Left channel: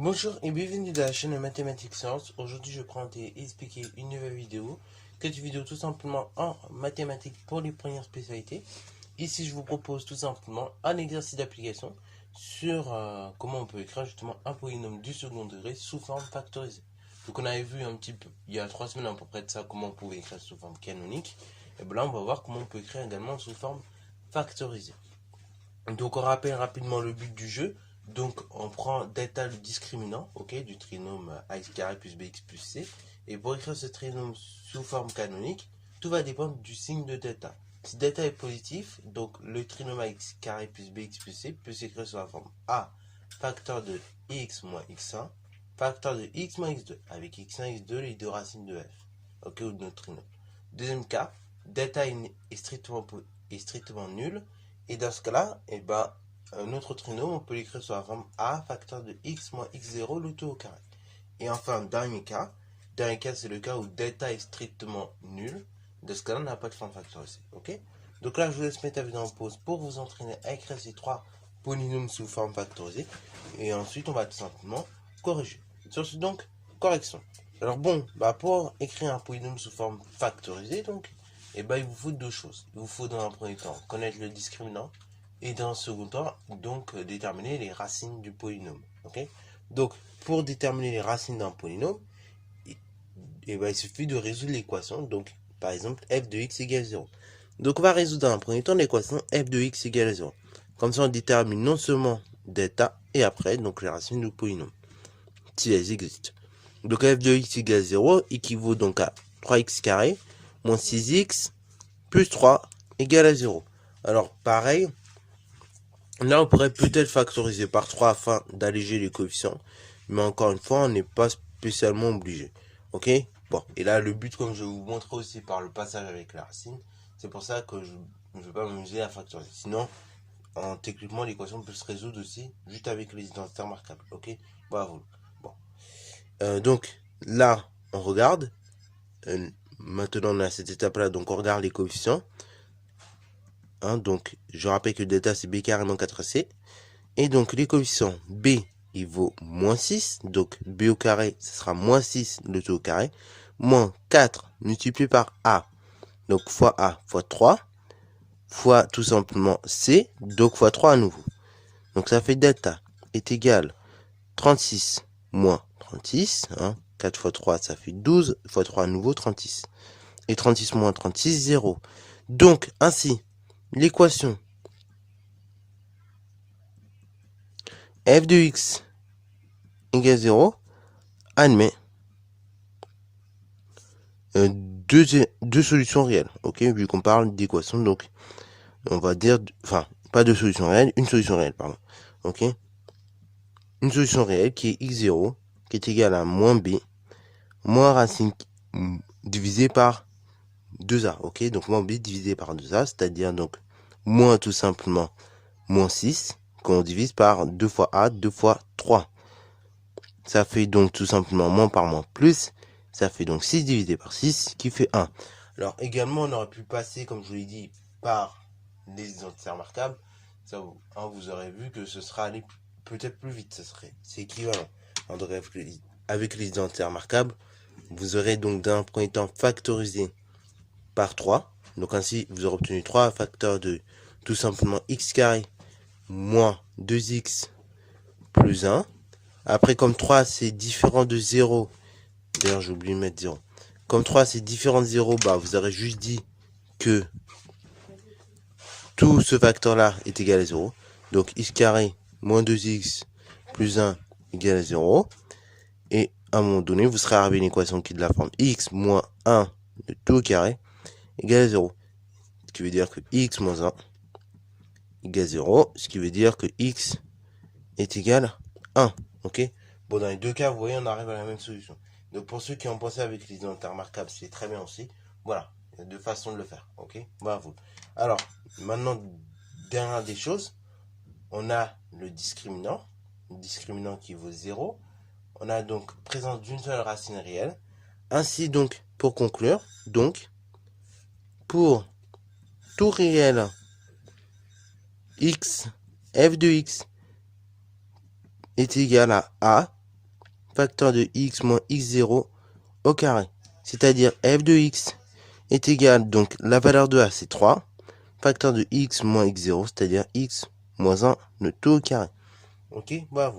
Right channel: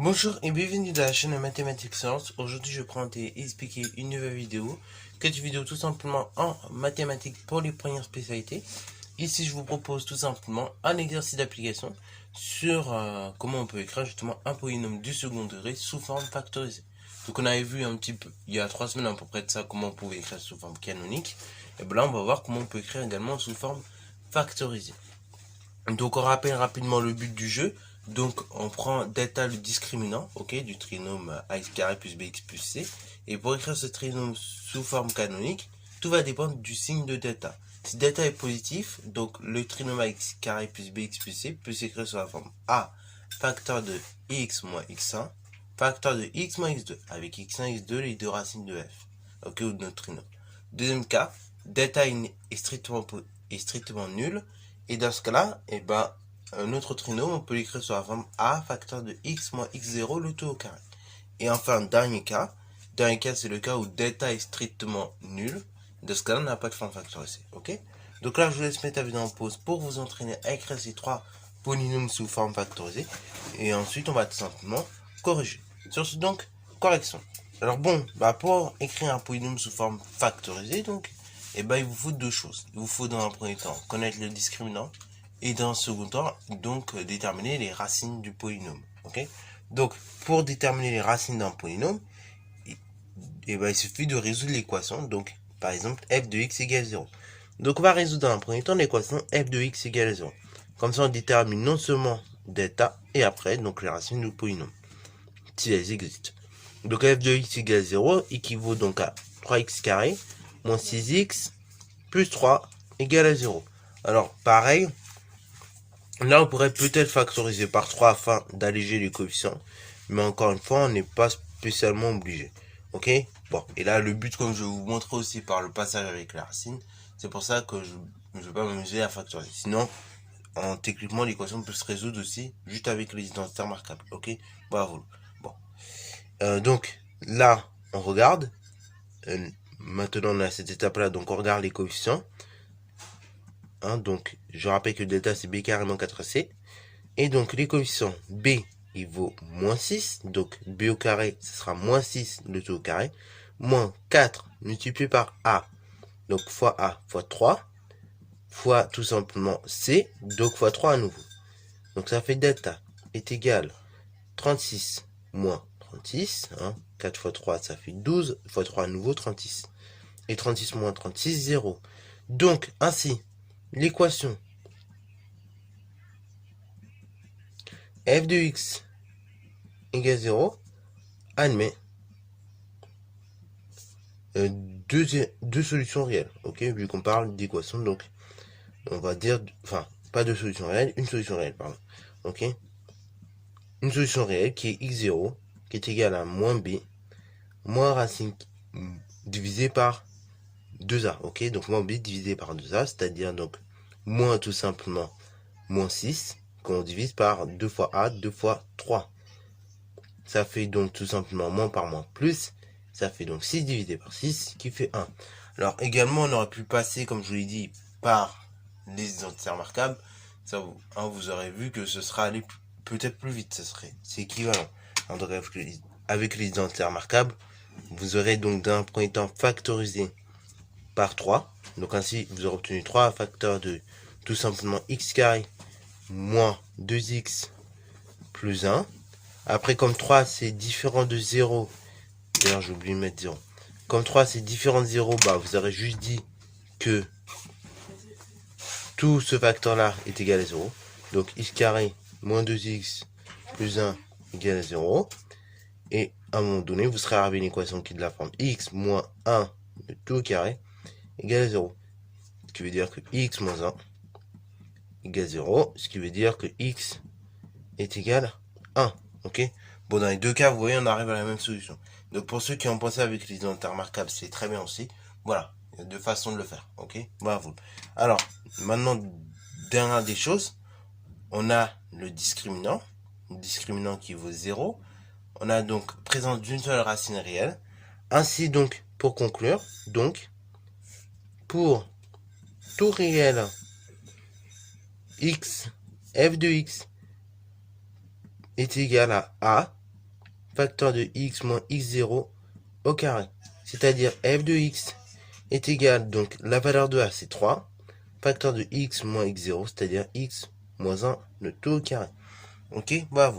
Bonjour et bienvenue dans la chaîne Mathématiques Science. Aujourd'hui, je vais présenter et expliquer une nouvelle vidéo. Cette vidéo tout simplement en mathématiques pour les premières spécialités. Ici, je vous propose tout simplement un exercice d'application sur comment on peut écrire justement un polynôme du second degré sous forme factorisée. Donc, on avait vu un petit peu, il y a 3 semaines à peu près de ça, comment on pouvait écrire sous forme canonique. Et bien là, on va voir comment on peut écrire également sous forme factorisée. Donc on rappelle rapidement le but du jeu. Donc on prend delta le discriminant, ok, du trinôme ax carré plus bx plus c. Et pour écrire ce trinôme sous forme canonique, tout va dépendre du signe de delta. Si delta est positif, donc le trinôme ax carré plus bx plus c peut s'écrire sous la forme a facteur de x moins x1, facteur de x moins x2, avec x1 x2 les deux racines de f, ok, ou de notre trinôme. Deuxième cas, delta est strictement nul. Et dans ce cas-là, un autre trinôme, on peut l'écrire sous la forme a facteur de x moins x0 le tout au carré. Et enfin, dernier cas c'est le cas où delta est strictement nul. Dans ce cas-là, on n'a pas de forme factorisée. Ok. Donc là, je vous laisse mettre la vidéo en pause pour vous entraîner à écrire ces trois polynômes sous forme factorisée. Et ensuite, on va tout simplement corriger. Sur ce, donc, correction. Alors bon, pour écrire un polynôme sous forme factorisée, donc, il vous faut deux choses. Il vous faut dans un premier temps connaître le discriminant et dans un second temps, donc, déterminer les racines du polynôme. Ok. Donc, pour déterminer les racines d'un polynôme, il suffit de résoudre l'équation. Donc, par exemple, f de x égale 0. Donc, on va résoudre dans un premier temps l'équation f de x égale 0. Comme ça, on détermine non seulement delta et après, donc, les racines du polynôme, si elles existent. Donc, f de x égale 0 équivaut donc à 3x carré moins 6x plus 3 égale à 0. Alors, pareil, là, on pourrait peut-être factoriser par 3 afin d'alléger les coefficients. Mais encore une fois, on n'est pas spécialement obligé. Ok. Bon, et là, le but, comme je vais vous montrer aussi par le passage avec les racines, c'est pour ça que je ne vais pas m'amuser à factoriser. Sinon, techniquement, l'équation peut se résoudre aussi juste avec les identités remarquables. Ok. Bravo. Bon. Donc, là, on regarde. Maintenant, on a cette étape-là, donc on regarde les coefficients. Donc, je rappelle que delta, c'est b carré moins 4c. Et donc, les coefficients, b, il vaut moins 6. Donc, b au carré, ce sera moins 6, le tout au carré. Moins 4 multiplié par a. Donc, fois a fois 3. Fois tout simplement c. Donc, fois 3 à nouveau. Donc, ça fait delta est égal 36 moins 36. 4 fois 3, ça fait 12. Fois 3 à nouveau, 36. Et 36 moins 36, 0. Donc, ainsi, l'équation f de x égale 0 admet deux solutions réelles. Ok, vu qu'on parle d'équation, donc on va dire, enfin, pas deux solutions réelles, une solution réelle, pardon. Ok, une solution réelle qui est x0, qui est égale à moins b, moins racine divisé par 2a. Ok, donc moins b divisé par 2a, c'est-à-dire donc moins tout simplement moins 6, qu'on divise par 2 fois a, 2 fois 3. Ça fait donc tout simplement moins par moins plus. Ça fait donc 6 divisé par 6 qui fait 1. Alors également, on aurait pu passer, comme je vous l'ai dit, par les identités remarquables. Ça, vous aurez vu que ce sera allé peut-être plus vite. C'est équivalent. Avec les identités remarquables, vous aurez donc d'un premier temps factorisé par 3. Donc ainsi, vous aurez obtenu 3 facteurs de tout simplement x carré moins 2x plus 1. Après, comme 3, c'est différent de 0. D'ailleurs, j'ai oublié de mettre 0. Comme 3, c'est différent de 0, vous aurez juste dit que tout ce facteur-là est égal à 0. Donc, x carré moins 2x plus 1 égale à 0. Et à un moment donné, vous serez arrivé à une équation qui est de la forme x moins 1 de tout au carré égale à 0. Ce qui veut dire que x moins 1 égale 0. Ce qui veut dire que x est égal à 1. Ok. Bon, dans les deux cas, vous voyez, on arrive à la même solution. Donc, pour ceux qui ont pensé avec les identités remarquables, c'est très bien aussi. Voilà, il y a deux façons de le faire. Ok. Bravo. Alors, maintenant, dernière des choses, on a le discriminant qui vaut 0. On a donc présence d'une seule racine réelle. Ainsi, donc, pour conclure, donc, pour tout réel x, f de x est égal à a, facteur de x moins x0 au carré. C'est-à-dire f de x est égal, donc la valeur de a c'est 3, facteur de x moins x0, c'est-à-dire x moins 1, le tout au carré. Ok, voilà.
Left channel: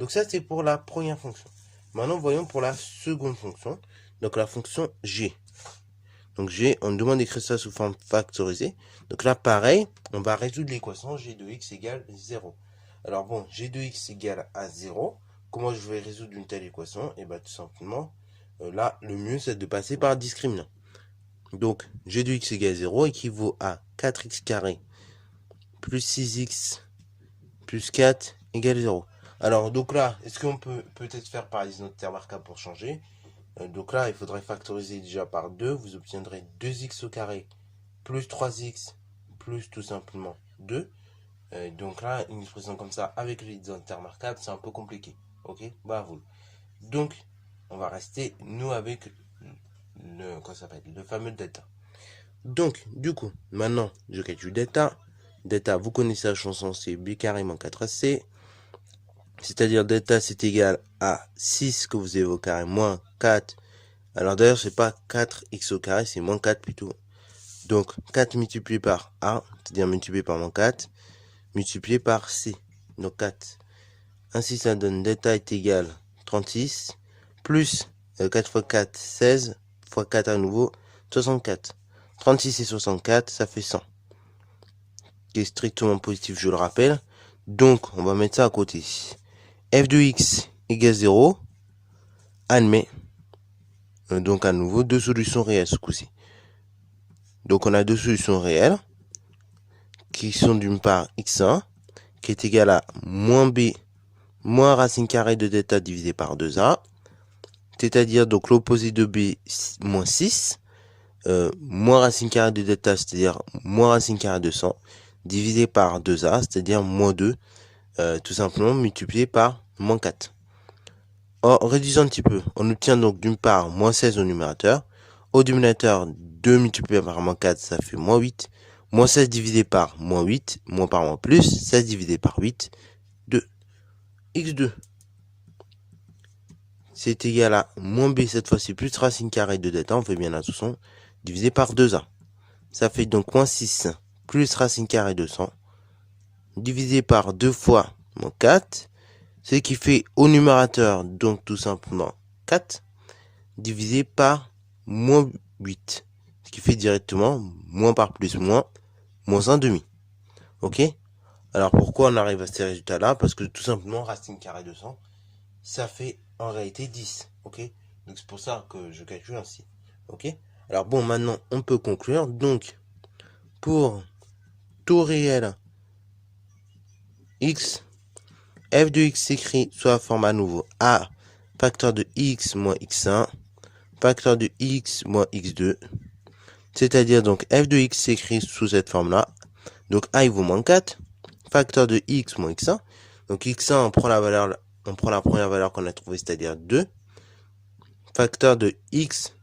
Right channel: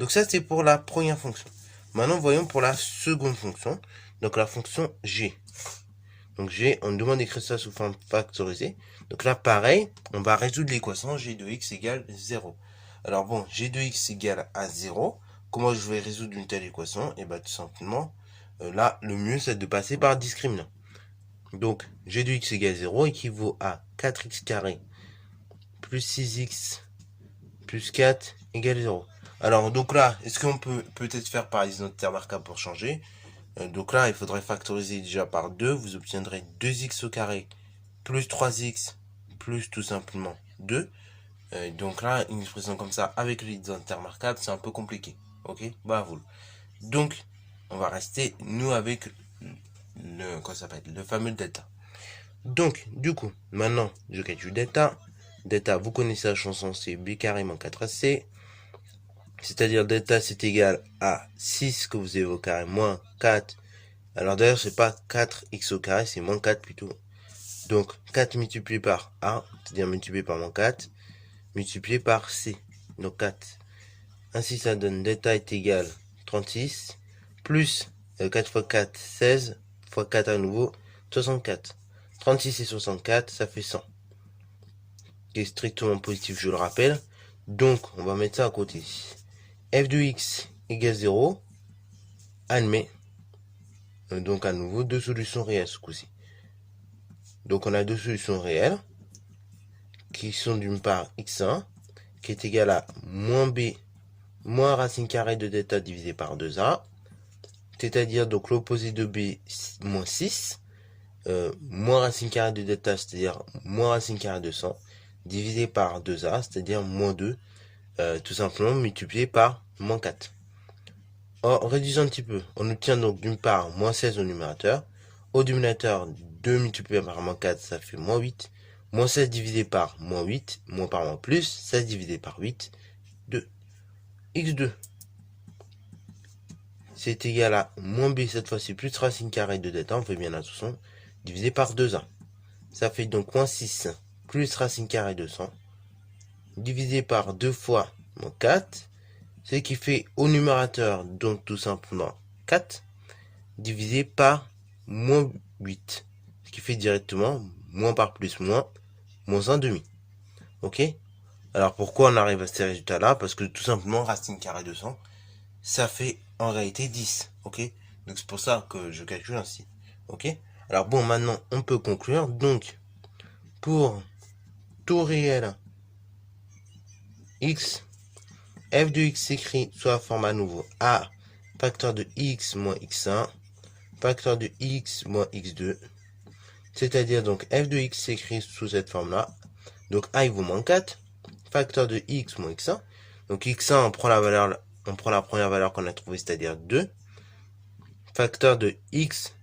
Donc ça c'est pour la première fonction. Maintenant voyons pour la seconde fonction, donc la fonction g. Donc g, on nous demande d'écrire ça sous forme factorisée. Donc là pareil, on va résoudre l'équation g de x égale 0. Alors bon, g de x égale à 0. Comment je vais résoudre une telle équation? Et bien tout simplement, là le mieux c'est de passer par discriminant. Donc g de x égale 0 équivaut à 4x carré plus 6x plus 4 égale 0. Alors donc là, est-ce qu'on peut peut-être faire par les autres termes marquables pour changer? Donc là, il faudrait factoriser déjà par 2. Vous obtiendrez 2x au carré plus 3x plus tout simplement 2. Donc là, une expression comme ça avec les intermarquables, c'est un peu compliqué. Ok, bah vous. Donc, on va rester, nous, avec le fameux delta. Donc, du coup, maintenant, je calcule delta. Delta, vous connaissez la chanson, c'est b carré moins 4ac. C'est-à-dire delta, c'est égal à 6 que vous avez au carré moins 4. Alors d'ailleurs, c'est pas 4x au carré, c'est moins 4 plutôt. Donc, 4 multiplié par a, c'est-à-dire multiplié par moins 4, multiplié par c, donc 4. Ainsi, ça donne delta est égal 36, plus 4 fois 4, 16, fois 4 à nouveau, 64. 36 et 64, ça fait 100. Qui est strictement positif, je le rappelle. Donc, on va mettre ça à côté. F de x égale 0, admet. Donc, à nouveau, deux solutions réelles ce coup-ci. Donc, on a deux solutions réelles qui sont d'une part x1 qui est égal à moins b moins racine carrée de delta divisé par 2a, c'est-à-dire donc l'opposé de b moins 6, moins racine carrée de delta, c'est-à-dire moins racine carrée de 100, divisé par 2a, c'est-à-dire moins 2, tout simplement multiplié par moins 4. En réduisant un petit peu, on obtient donc d'une part moins 16 au numérateur. Au dénominateur, 2 multiplié par moins 4, ça fait moins 8. Moins 16 divisé par moins 8, moins par moins plus, 16 divisé par 8, 2. x2, c'est égal à moins b, cette fois-ci, plus racine carrée de delta, on fait bien l'attention, divisé par 2a. Ça fait donc moins 6 plus racine carrée de 100, divisé par 2 fois moins 4, ce qui fait au numérateur, donc tout simplement 4, divisé par moins 8, ce qui fait directement moins par plus moins 1 demi. Ok? Alors pourquoi on arrive à ces résultats-là? Parce que tout simplement, racine carrée de 100, ça fait en réalité 10. Ok? Donc c'est pour ça que je calcule ainsi. Ok? Alors bon, maintenant on peut conclure. Donc, pour tout réel x, f de x s'écrit sous la forme à nouveau a facteur de x moins x1, facteur de x moins x2. C'est-à-dire donc f de x s'écrit sous cette forme-là. Donc a il vaut moins 4, facteur de x moins x1. Donc x1, on prend la première valeur qu'on a trouvée, c'est-à-dire 2. Facteur de x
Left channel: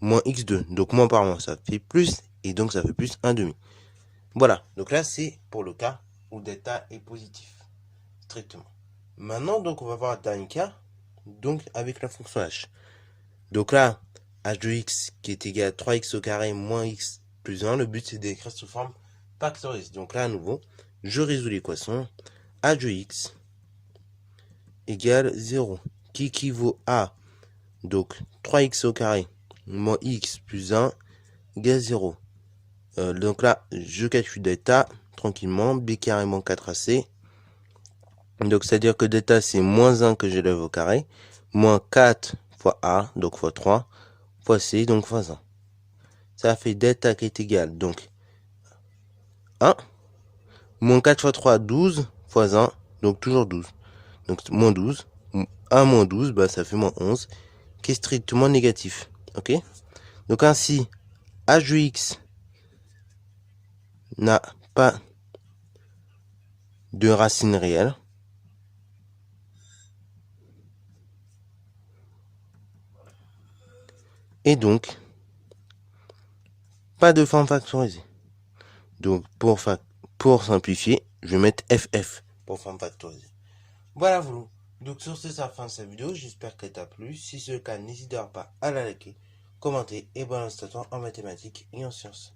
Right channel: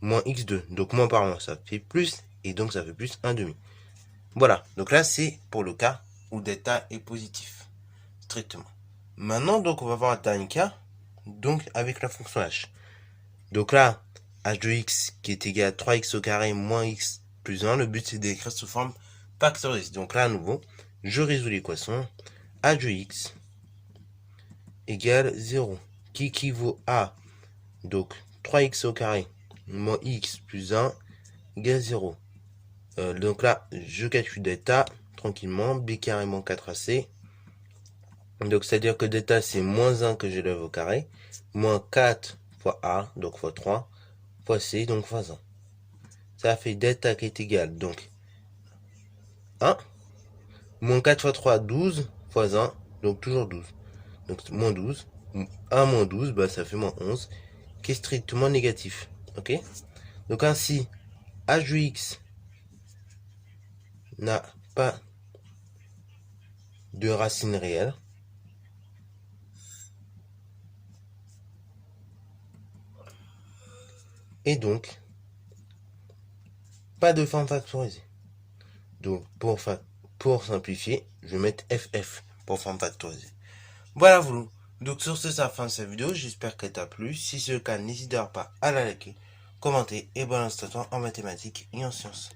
moins x2. Donc moins par moins, ça fait plus. Et donc ça fait plus 1 demi. Voilà. Donc là, c'est pour le cas où delta est positif. Strictement. Maintenant, donc, on va voir un dernier cas. Donc, avec la fonction h. Donc là, h de x qui est égal à 3x au carré moins x plus 1. Le but, c'est d'écrire sous forme factorisée. Donc là, à nouveau, je résous l'équation. H de x égale 0. Qui équivaut à donc 3x au carré moins x plus 1 égale 0. Donc là, je calcule delta tranquillement. B carré moins 4ac. Donc c'est-à-dire que delta c'est moins 1 que j'élève au carré. Moins 4 fois a, donc fois 3, fois c, donc fois 1. Ça fait delta qui est égal, donc 1. Moins 4 fois 3, 12, fois 1, donc toujours 12. Donc moins 12. 1 moins 12, bah, ça fait moins 11, qui est strictement négatif. Ok? Donc ainsi, h de x n'a pas de racine réelle. Et donc, pas de forme factorisée. Donc, pour simplifier, je vais mettre FF pour forme factorisée. Voilà, vous. Donc sur ce, c'est la fin de cette vidéo. J'espère qu'elle t'a plu. Si c'est le cas, n'hésite pas à la liker, commenter et balance ton temps en mathématiques et en sciences.